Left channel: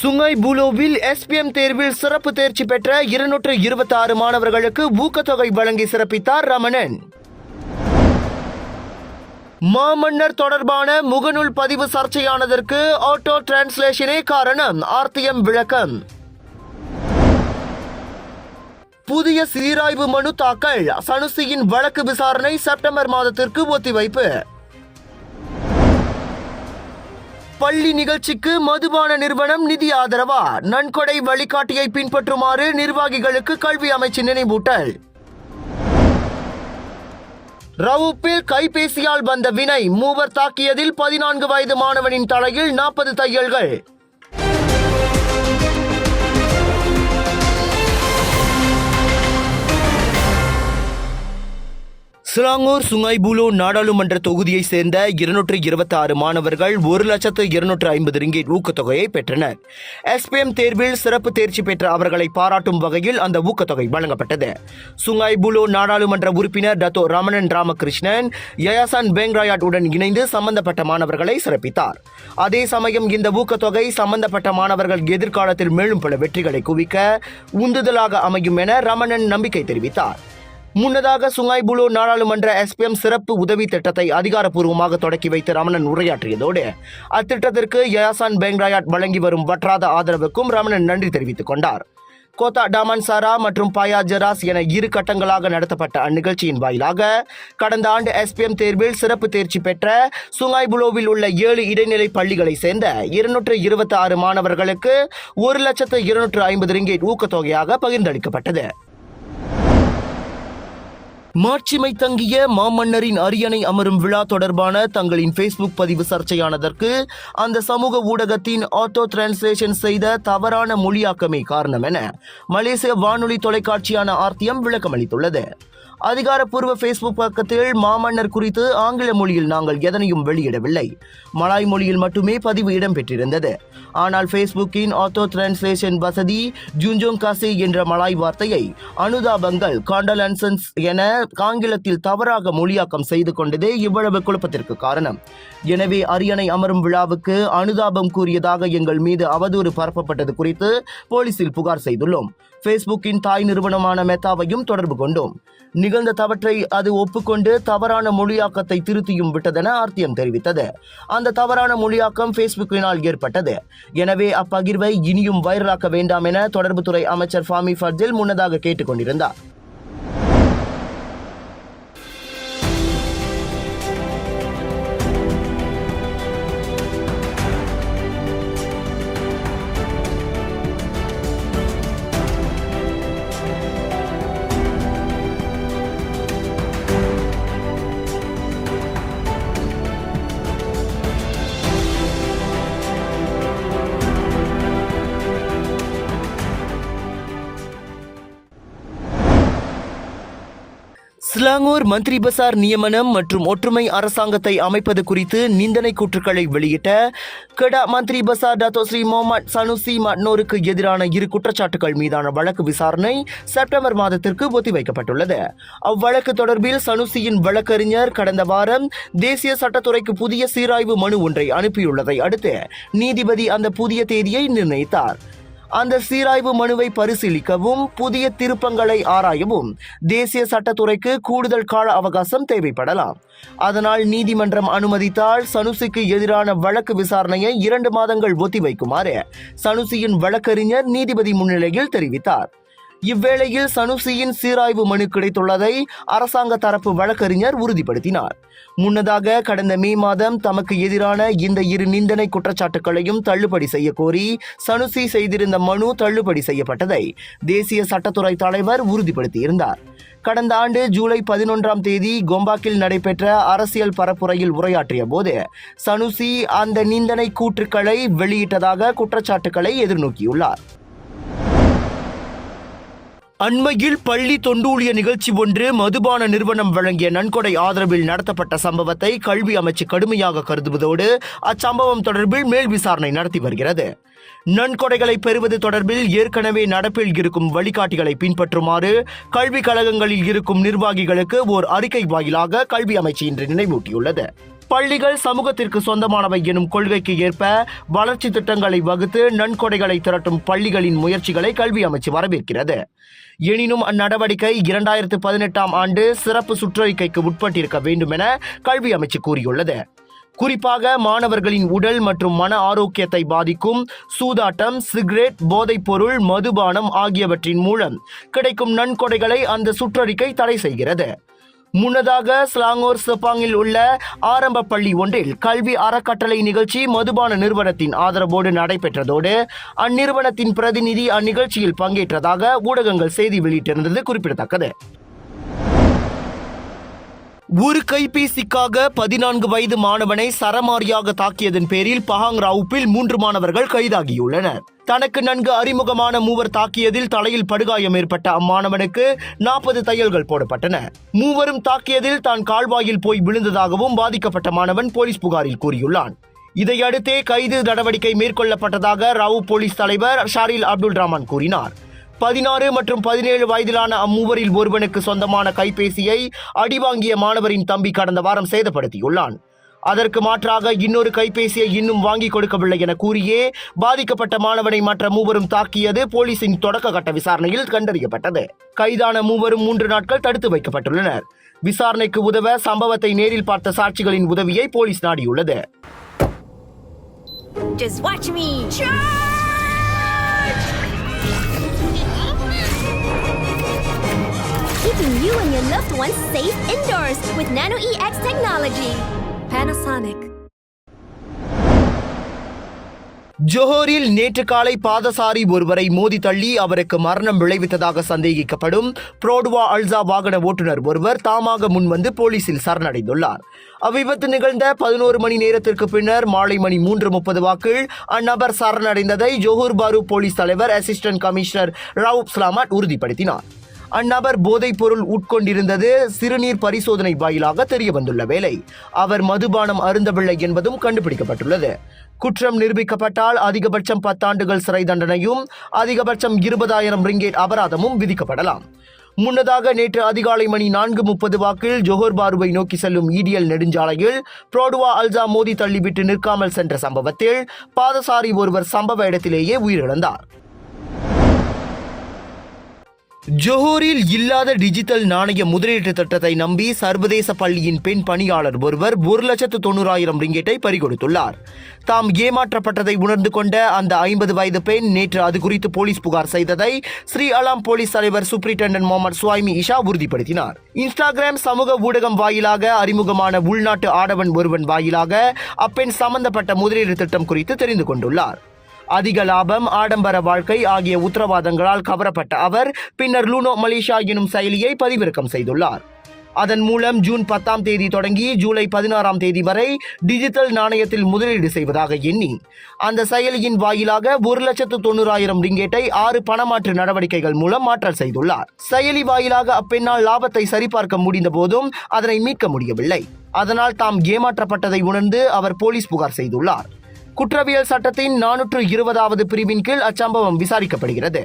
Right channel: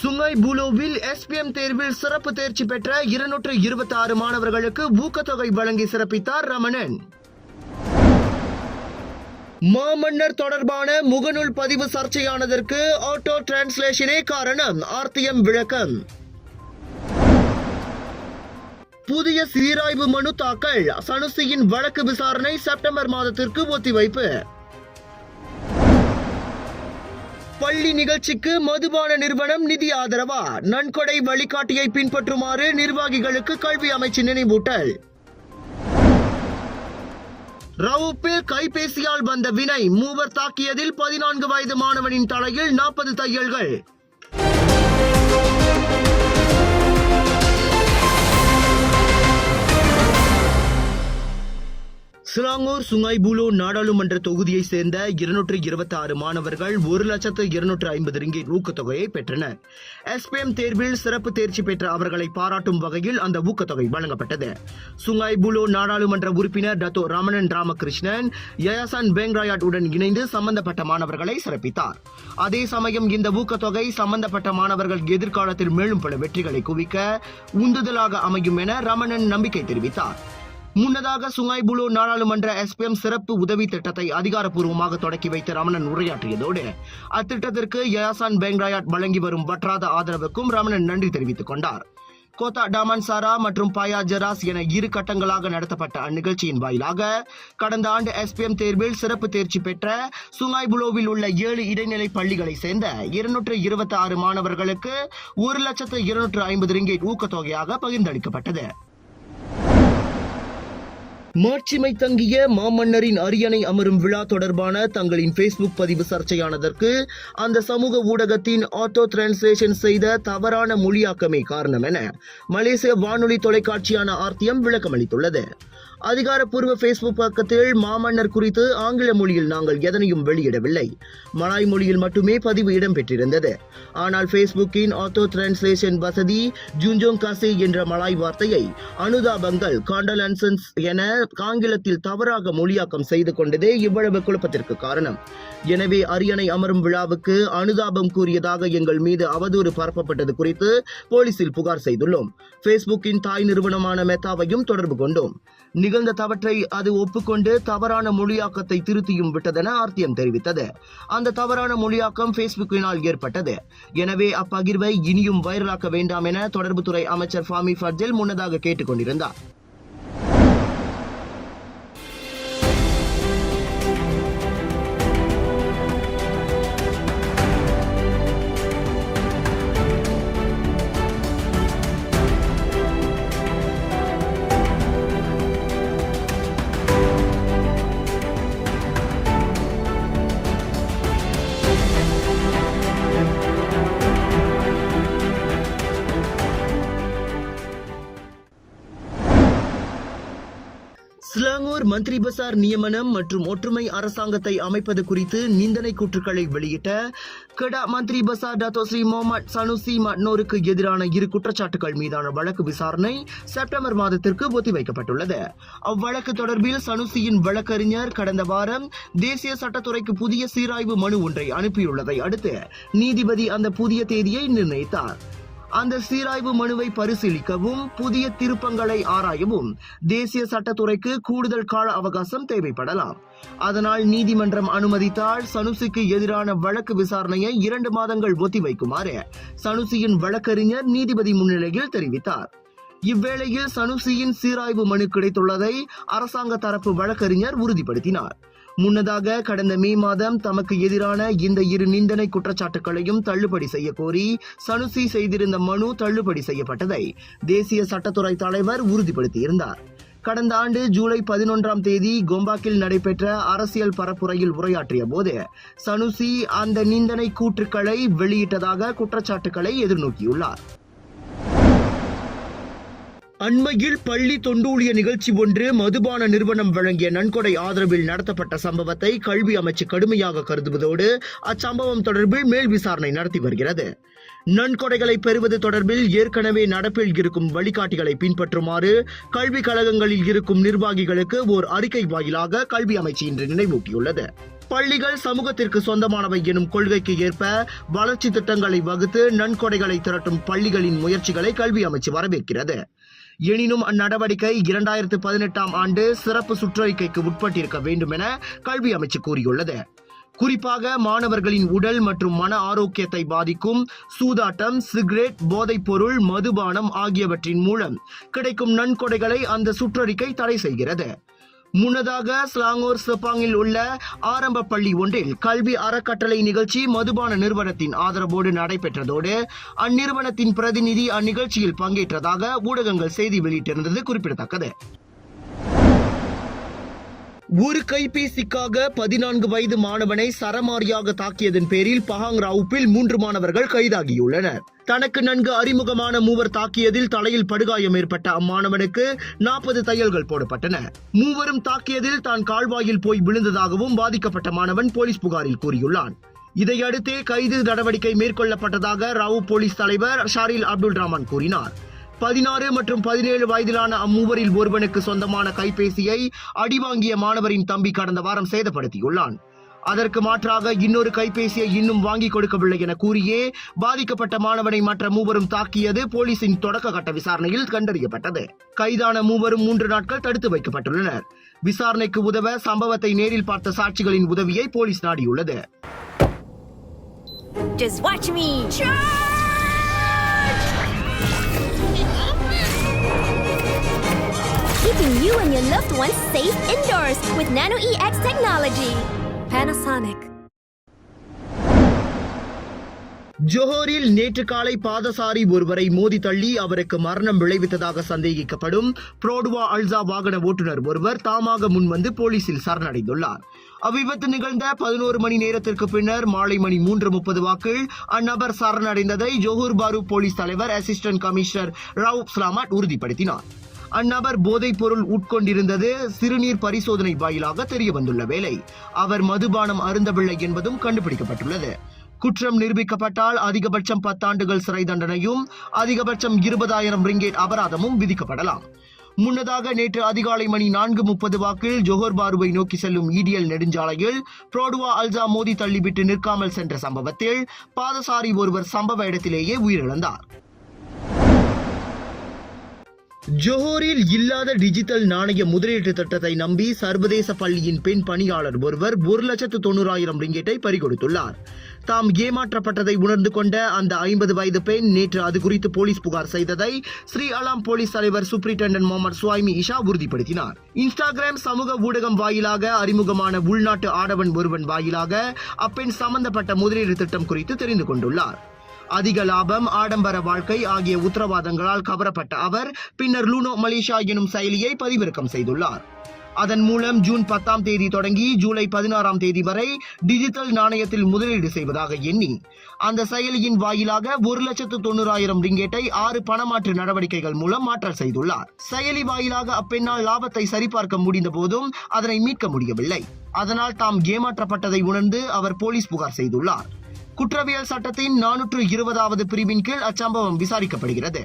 Sungai புலோவில் SPM தேர்வில் சிறப்பு தேர்ச்சி பெற்ற இருநூற்று இருபத்தி ஆறு மாணவர்களுக்கு ஊக்கத்தொகை வழங்கி சிறப்பித்தார் ரமணன். மாமன்னர் தொடர்பான முகநூல் பதிவு சர்ச்சையானதற்கு ஆட்டோ டிரான்ஸ்லேஷனே காரணம் ஆர்த்தியம் விளக்கம். புதிய சீராய்வு மனு தாக்கல் சனுசியின் வழக்கு விசாரணை செப்டம்பர் மாதத்திற்கு ஒத்திவைப்பு. பள்ளி நிகழ்ச்சிக்கு மதுபான நிறுவனம் நிதி ஆதரவா? நன்கொடை வழிகாட்டியை பின்பற்றுமாறு நிர்வாகிகளுக்கு கல்வி அமைச்சு நினைவூட்டல். ரவுப்பில் கைபேசியால் வந்த வினை மூவர் தாக்கியதில் பதினான்கு வயது மாணவனின் தலையில் நாற்பது தையல்கள். சிலாங்கூர் சுங்கைபுலு நாடாளுமன்ற தொகுதியை சேர்ந்த இருநூற்று இருபத்தி ஆறு மாணவர்கள் ஒரு லட்சத்து இருநூற்று ஐம்பது ரிங்கிட் ஊக்கத்தொகையை பெற்றனர். எஸ்பிஎம் தேர்வில் சிறப்பு தேர்ச்சி பெற்ற அவர்களை பாராட்டும் வகையில் அந்த ஊக்கத்தொகை வழங்கப்பட்டது. சுங்கைபுலு நாடாளுமன்ற உறுப்பினர் டத்தோ ரமணன் ராமகிருஷ்ணன் யயாசான் பெங்ராயாட் உடன் இணைந்து சம்பந்தப்பட்ட மாணவர்களை சிறப்பித்தார். அதே சமயம் இந்த ஊக்கத்தொகை சம்பந்தப்பட்ட மாணவர்கள் எதிர்காலத்தில் மேலும் பல வெற்றிகளை குவிக்க உந்துதலாக அமையும் என ரமணன் நம்பிக்கை தெரிவித்தார். முன்னதாக சுங்காய் புலோ நாடாளுமன்ற எஸ்பிஎம் சிறப்பு உதவி திட்டத்தை அதிகாரப்பூர்வமாக தொடக்கி வைத்து ரமணன் உரையாற்றியதோடு அத்திட்டத்திற்கு யயாசான் பெங்ராயாட் வழங்கி வரும் வற்றாத ஆதரவுக்கும் ரமணன் நன்றி தெரிவித்துக் கொண்டார். கோத்தா டாமன் சாரா மற்றும் பாயா ஜெராஸ் என இரு கட்டங்களாக நடத்தப்பட்ட அந்நிகழ்ச்சியின் வாயிலாக கடந்த ஆண்டு எஸ்பிஎம் தேர்வில் சிறப்பு தேர்ச்சி பெற்ற சுங்காய்புலோவில் உள்ள ஏழு இடைநிலை பள்ளிகளை சேர்ந்த இருநூற்று இருபத்தி ஆறு மாணவர்களுக்கு ஒரு லட்சத்து இருநூற்று ஐம்பது ரிங்கேட் ஊக்கத்தொகையாக பகிர்ந்தளிக்கப்பட்டது. மாட்சிமை தங்கிய மாமன்னரின் அரியணை அமரும் விழா தொடர்பான தங்களின் ஃபேஸ்புக் பதிவு சர்ச்சையானதற்கு அந்த சமூக ஊடகத்தின் ஆட்டோ டிரான்ஸ்லேஷன் செய்த தவறான மொழியாக்கமே காரணம் என மலேசிய வானொலி தொலைக்காட்சியான ஆர்த்தியம் விளக்கமளித்துள்ளது. அதிகாரப்பூர்வ ஃபேஸ்புக் பக்கத்தில் மாமன்னர் குறித்து ஆங்கில மொழியில் நாங்கள் எதனையும் வெளியிடவில்லை. மலாய் மொழியில் மட்டுமே பதிவு இடம்பெற்றிருந்தது. ஆனால் ஃபேஸ்புக்கின் ஆட்டோ டிரான்ஸ்லேஷன் வசதி ஜூஞ்சோங் காசே என்ற மலாய் வார்த்தையை அனுதாபங்கள் காண்டலன்சன்ஸ் என ஆங்கிலத்தில் தவறாக மொழியாக்கம் செய்து கொண்டதே இவ்வளவு குழப்பத்திற்கு காரணம். எனவே அரியணை அமரும் விழாவுக்கு அனுதாபம் கூறியதாக எங்கள் மீது அவதூறு பரப்பப்பட்டது குறித்து போலீசில் புகார் செய்துள்ளோம். ஃபேஸ்புக்கின் தாய் நிறுவனமான மெத்தாவையும் தொடர்பு கொண்டோம். நிகழ்ந்த தவற்றை அது ஒப்புக்கொண்டு தவறான மொழியாக்கத்தை திருத்தியும் விட்டதென ஆர்த்தியம் தெரிவித்தது. அந்த தவறான மொழியாக்கம் ஃபேஸ்புக்கினால் ஏற்பட்டது. எனவே அப்பகிர்வை இனியும் வைரலாக்க வேண்டாம் என தொடர்புத்துறை அமைச்சர் ஃபாமி ஃபர்ஜில் முன்னதாக கேட்டுக்கொண்டிருந்தார். ஸ்லாங்கூர் மந்திரி பசார் நியமனம் மற்றும் ஒற்றுமை அரசாங்கத்தை அமைப்பது குறித்து நிந்தனை கூற்றுக்களை வெளியிட்ட கெடா மந்திரி Besar Dato Sri Muhammad Sanusi மட்னோருக்கு எதிரான இரு குற்றச்சாட்டுகள் மீதான வழக்கு விசாரணை செப்டம்பர் மாதத்திற்கு ஒத்திவைக்கப்பட்டுள்ளது. அவ்வழக்கு தொடர்பில் சனுசியின் வழக்கறிஞர் கடந்த வாரம் தேசிய சட்டத்துறைக்கு புதிய சீராய்வு மனு ஒன்றை அனுப்பியுள்ளதை அடுத்து நீதிபதி அந்த புதிய தேதியை நிர்ணயித்தார். அந்த சீராய்வு மனுவை பரிசீலிக்கவும் புதிய திருப்பங்களை ஆராயவும் தேசிய சட்டத்துறைக்கு கூடுதல் கால அவகாசம் தேவைப்படலாம். அதனால் நீதிமன்றம் அனுமதித்தால் சனுசிக்கு எதிரான வழக்கு விசாரணையை இரண்டு மாதங்கள் ஒத்திவைக்குமாறு சனுசியின் வழக்கறிஞர் நீதிபதி முன்னிலையில் தெரிவித்தார். இவ்வேளையில் சனுசியின் சீராய்வு மனு கிடைத்துள்ளதை அரசாங்க தரப்பு வழக்கறிஞர் உறுதிப்படுத்தினார். முன்னதாக கடந்த மே மாதம் தமக்கு எதிரான இந்த இரு நிந்தனை குற்றச்சாட்டுகளையும் தள்ளுபடி செய்ய கோரி சனுசி செய்திருந்த மனு தள்ளுபடி செய்யப்பட்டதை தேசிய சட்டத்துறை தலைவர் உறுதிப்படுத்தியிருந்தார். கடந்த ஆண்டு ஜூலை பதினொன்றாம் தேதி கொம்பாக்கில் நடைபெற்ற அரசியல் பரப்புரையில் உரையாற்றிய போது சனுசி அந்த நிந்தனை கூற்றுக்களை வெளியிட்டதாக குற்றச்சாட்டுக்களை எதிர்நோக்கியுள்ளார். அண்மையில் பள்ளி தொண்டூழிய நிகழ்ச்சி ஒன்று மதுபான நிறுவனம் வழங்கிய நன்கொடை ஆதரவில் நடத்தப்பட்ட சம்பவத்தை கல்வி அமைச்சு கடுமையாக கருதுவதோடு அச்சம்பவம் தொடர்பில் மேல் விசாரணை நடத்தி வருகிறது. நன்கொடைகளை பெறுவது தொடர்பில் ஏற்கனவே நடப்பில் இருக்கும் வழிகாட்டிகளை பின்பற்றுமாறு கல்விக் கழகங்களில் இருக்கும் நிர்வாகிகளுக்கு ஓர் அறிக்கை வாயிலாக கல்வி அமைச்சு இன்று நினைவூட்டியுள்ளது. பள்ளிகள் சமூகத்திற்கு சொந்தமானவை எனும் கொள்கைக்கு ஏற்ப வளர்ச்சி திட்டங்களை வகுத்து நன்கொடைகளை திரட்டும் பள்ளிகளின் முயற்சிகளை கல்வி அமைச்சு வரவேற்கிறது. எனினும் அந்நடவடிக்கை இரண்டாயிரத்து பதினெட்டாம் ஆண்டு சிறப்பு சுற்றறிக்கைக்கு உட்பட்டிருக்க வேண்டும் என கல்வி அமைச்சு கூறியுள்ளது. குறிப்பாக மாணவர்களின் உடல் மற்றும் மன ஆரோக்கியத்தை பாதிக்கும் சூதாட்டம் சிகரெட் போதைப்பொருள் மதுபானம் ஆகியவற்றின் மூலம் கிடைக்கும் நன்கொடைகளை அந்த சுற்றறிக்கை தடை செய்கிறது. முன்னதாக ஸ்லாங்கோர் செப்பாங்கில் உள்ள ஆரம்ப பள்ளி ஒன்றில் கல்வி அறக்கட்டளை நிகழ்ச்சி மதுபான நிறுவனத்தின் ஆதரவோடு நடைபெற்றதோடு அந்நிறுவனத்தின் பிரதிநிதி அந்நிகழ்ச்சியில் பங்கேற்றதாக ஊடகங்கள் செய்தி வெளியிட்டிருந்தது குறிப்பிடத்தக்கது. ஒரு கைபேசிக்காக பதினான்கு வயது மாணவனை சரமாரியாக தாக்கியதன் பேரில் பஹாங் ராவுப்பில் மூன்று மாணவர்கள் கைதாகியுள்ளனர். தனக்கு நன்கு அறிமுகமான மூவர் தாக்கியதில் தலையில் படுகாயம் ஏற்பட்ட அம்மாணவனுக்கு நாற்பது தையல்கள் போடப்பட்டன. மூவரும் தாக்கியதில் தான் கால்வாயில் போய் விழுந்ததாகவும் பாதிக்கப்பட்ட மாணவன் போலீஸ் புகாரில் கூறியுள்ளான். இதையடுத்தே கைது நடவடிக்கை மேற்கொள்ளப்பட்டதாக ராவு போலீஸ் தலைவர் ஷாரில் அப்துல் ரஹ்மான் கூறினார். பதினாறு மற்றும் பதினேழு வயதிலான அம்மூவரில் ஒருவனுக்கு சொந்தமான கைபேசியை அடிவாங்கிய மாணவரின் தம்பி கடந்த வாரம் சேதப்படுத்தியுள்ளான் அதற்கு மாற்றாக இன்னொரு கைபேசியை இன்னும் வாங்கி கொடுக்கவில்லை என கூறியே பாதிக்கப்பட்ட மாணவனை மற்ற மூவரும் தாக்கியது போலீசின் தொடக்க கட்ட விசாரணையில் கண்டறியப்பட்டது கைதான மூவரும் மூன்று நாட்கள் தடுத்து வைக்கப்பட்டுள்ளனர் விசாரணைக்கு உதவ சம்பவத்தை நேரில் பார்த்த சாட்சிகளின் உதவியை போலீஸ் நாடியுள்ளது Just watch me! Charge! Keeping you and your loved ones safe indoors with Nano EX technology. Panasonic. ஜோஹரில் நேற்று காலை பாதசாரி ஒருவரை மோதி தள்ளி அவருக்கு மரணம் விளைவித்ததாக சந்தேகிக்கப்படும் புரோடுவா அல்சா வாகன ஓட்டுநர் ஒருவர் தாமாக முன்வந்து போலீசில் சரணடைந்துள்ளார் அவ்விபத்து நிகழ்ந்த பதினோரு மணி நேரத்திற்கு பின்னர் மாலை மணி மூன்று முப்பது வாக்கில் அந்நபர் சரணடைந்ததை ஜோஹர் பாரு போலீஸ் தலைவர் அசிஸ்டன்ட் கமிஷனர் ரவுப் ஸ்லாமாட் உறுதிப்படுத்தினார் அந்நபர் போதைப் பொருள் உட்கொண்டிருந்தது சிறுநீர் பரிசோதனை வாயிலாக தெரிய வந்துள்ள வேளை. அவர் மதுபானம் அருந்தவில்லை என்பதும் கண்டுபிடிக்கப்பட்டுள்ளது. குற்றம் நிரூபிக்கப்பட்டால் அதிகபட்சம் பத்தாண்டுகள் சிறை தண்டனையும் அதிகபட்சம் இருபதாயிரம் ரிங்கேட் அபராதமும் விதிக்கப்படலாம். முன்னதாக நேற்று அதிகாலை மணி நான்கு முப்பது வாக்கில் ஜோஹர் பாருவை நோக்கி செல்லும் ஈடியல் நெடுஞ்சாலையில் புரோடுவா அல்சா மோதி தள்ளிவிட்டு நிற்காமல் சென்ற சம்பவத்தில் பாதசாரி ஒருவர் சம்பவ இடத்திலேயே உயிரிழந்தார். ஜோஹூரில் இல்லாத டிஜிட்டல் நாணய முதலீட்டு திட்டத்தை நம்பி சர்வதேச பள்ளியின் பெண் பணியாளர் ஒருவர் ஒரு லட்சத்து தொண்ணூறாயிரம் ரிங்கெட்டை பறிகொடுத்துள்ளார். தாம் ஏமாற்றப்பட்டதை உணர்ந்து கொண்ட அந்த ஐம்பது வயது பெண் நேற்று அது குறித்து போலீஸ் புகார் செய்ததை ஸ்ரீ அலாம் போலீஸ் தலைவர் சூப்பரிண்டென்டன்ட் முகமது சுவாமி இஷா உறுதிப்படுத்தினார். இன்ஸ்டாகிராம் சமூக ஊடகம் வாயிலாக அறிமுகமான உள்நாட்டு ஆடவன் ஒருவன் வாயிலாக அப்பெண் சம்பந்தப்பட்ட முதலீடு திட்டம் குறித்து தெரிந்து கொண்டுள்ளார். அதிக லாபம் ஆடம்பர வாழ்க்கை ஆகிய உத்தரவாதங்களால் கவரப்பட்ட அவர் பின்னர் லூனோ மலேசியா எனும் செயலியை பதிவிறக்கம் செய்துள்ளார். அதன் மூலம் ஜூன் பத்தாம் தேதி தொடங்கி ஜூலை பதினாறாம் தேதி வரை டிஜிட்டல் நாணயத்தில் முதலீடு செய்வதாக எண்ணி அந்த செயலியின் வாயிலாக ஒரு லட்சத்து தொண்ணூறாயிரம் ரிங்கேட்டை ஆறு பணமாற்று நடவடிக்கைகள் மூலம் மாற்றல் செய்துள்ளார். செயலி வாயிலாக அப்பெண்ணால் லாபத்தை சரிபார்க்க முடிந்த போதும் அதனை மீட்க முடியவில்லை. அதனால் தாம் ஏமாற்றப்பட்டதை உணர்ந்து அவர் போலீஸ் புகார் செய்துள்ளார். குற்றவியல் சட்டத்தின் நானூற்று இருபதாவது பிரிவின் கீழ் அச்சம்பவம் விசாரிக்கப்படுகிறது.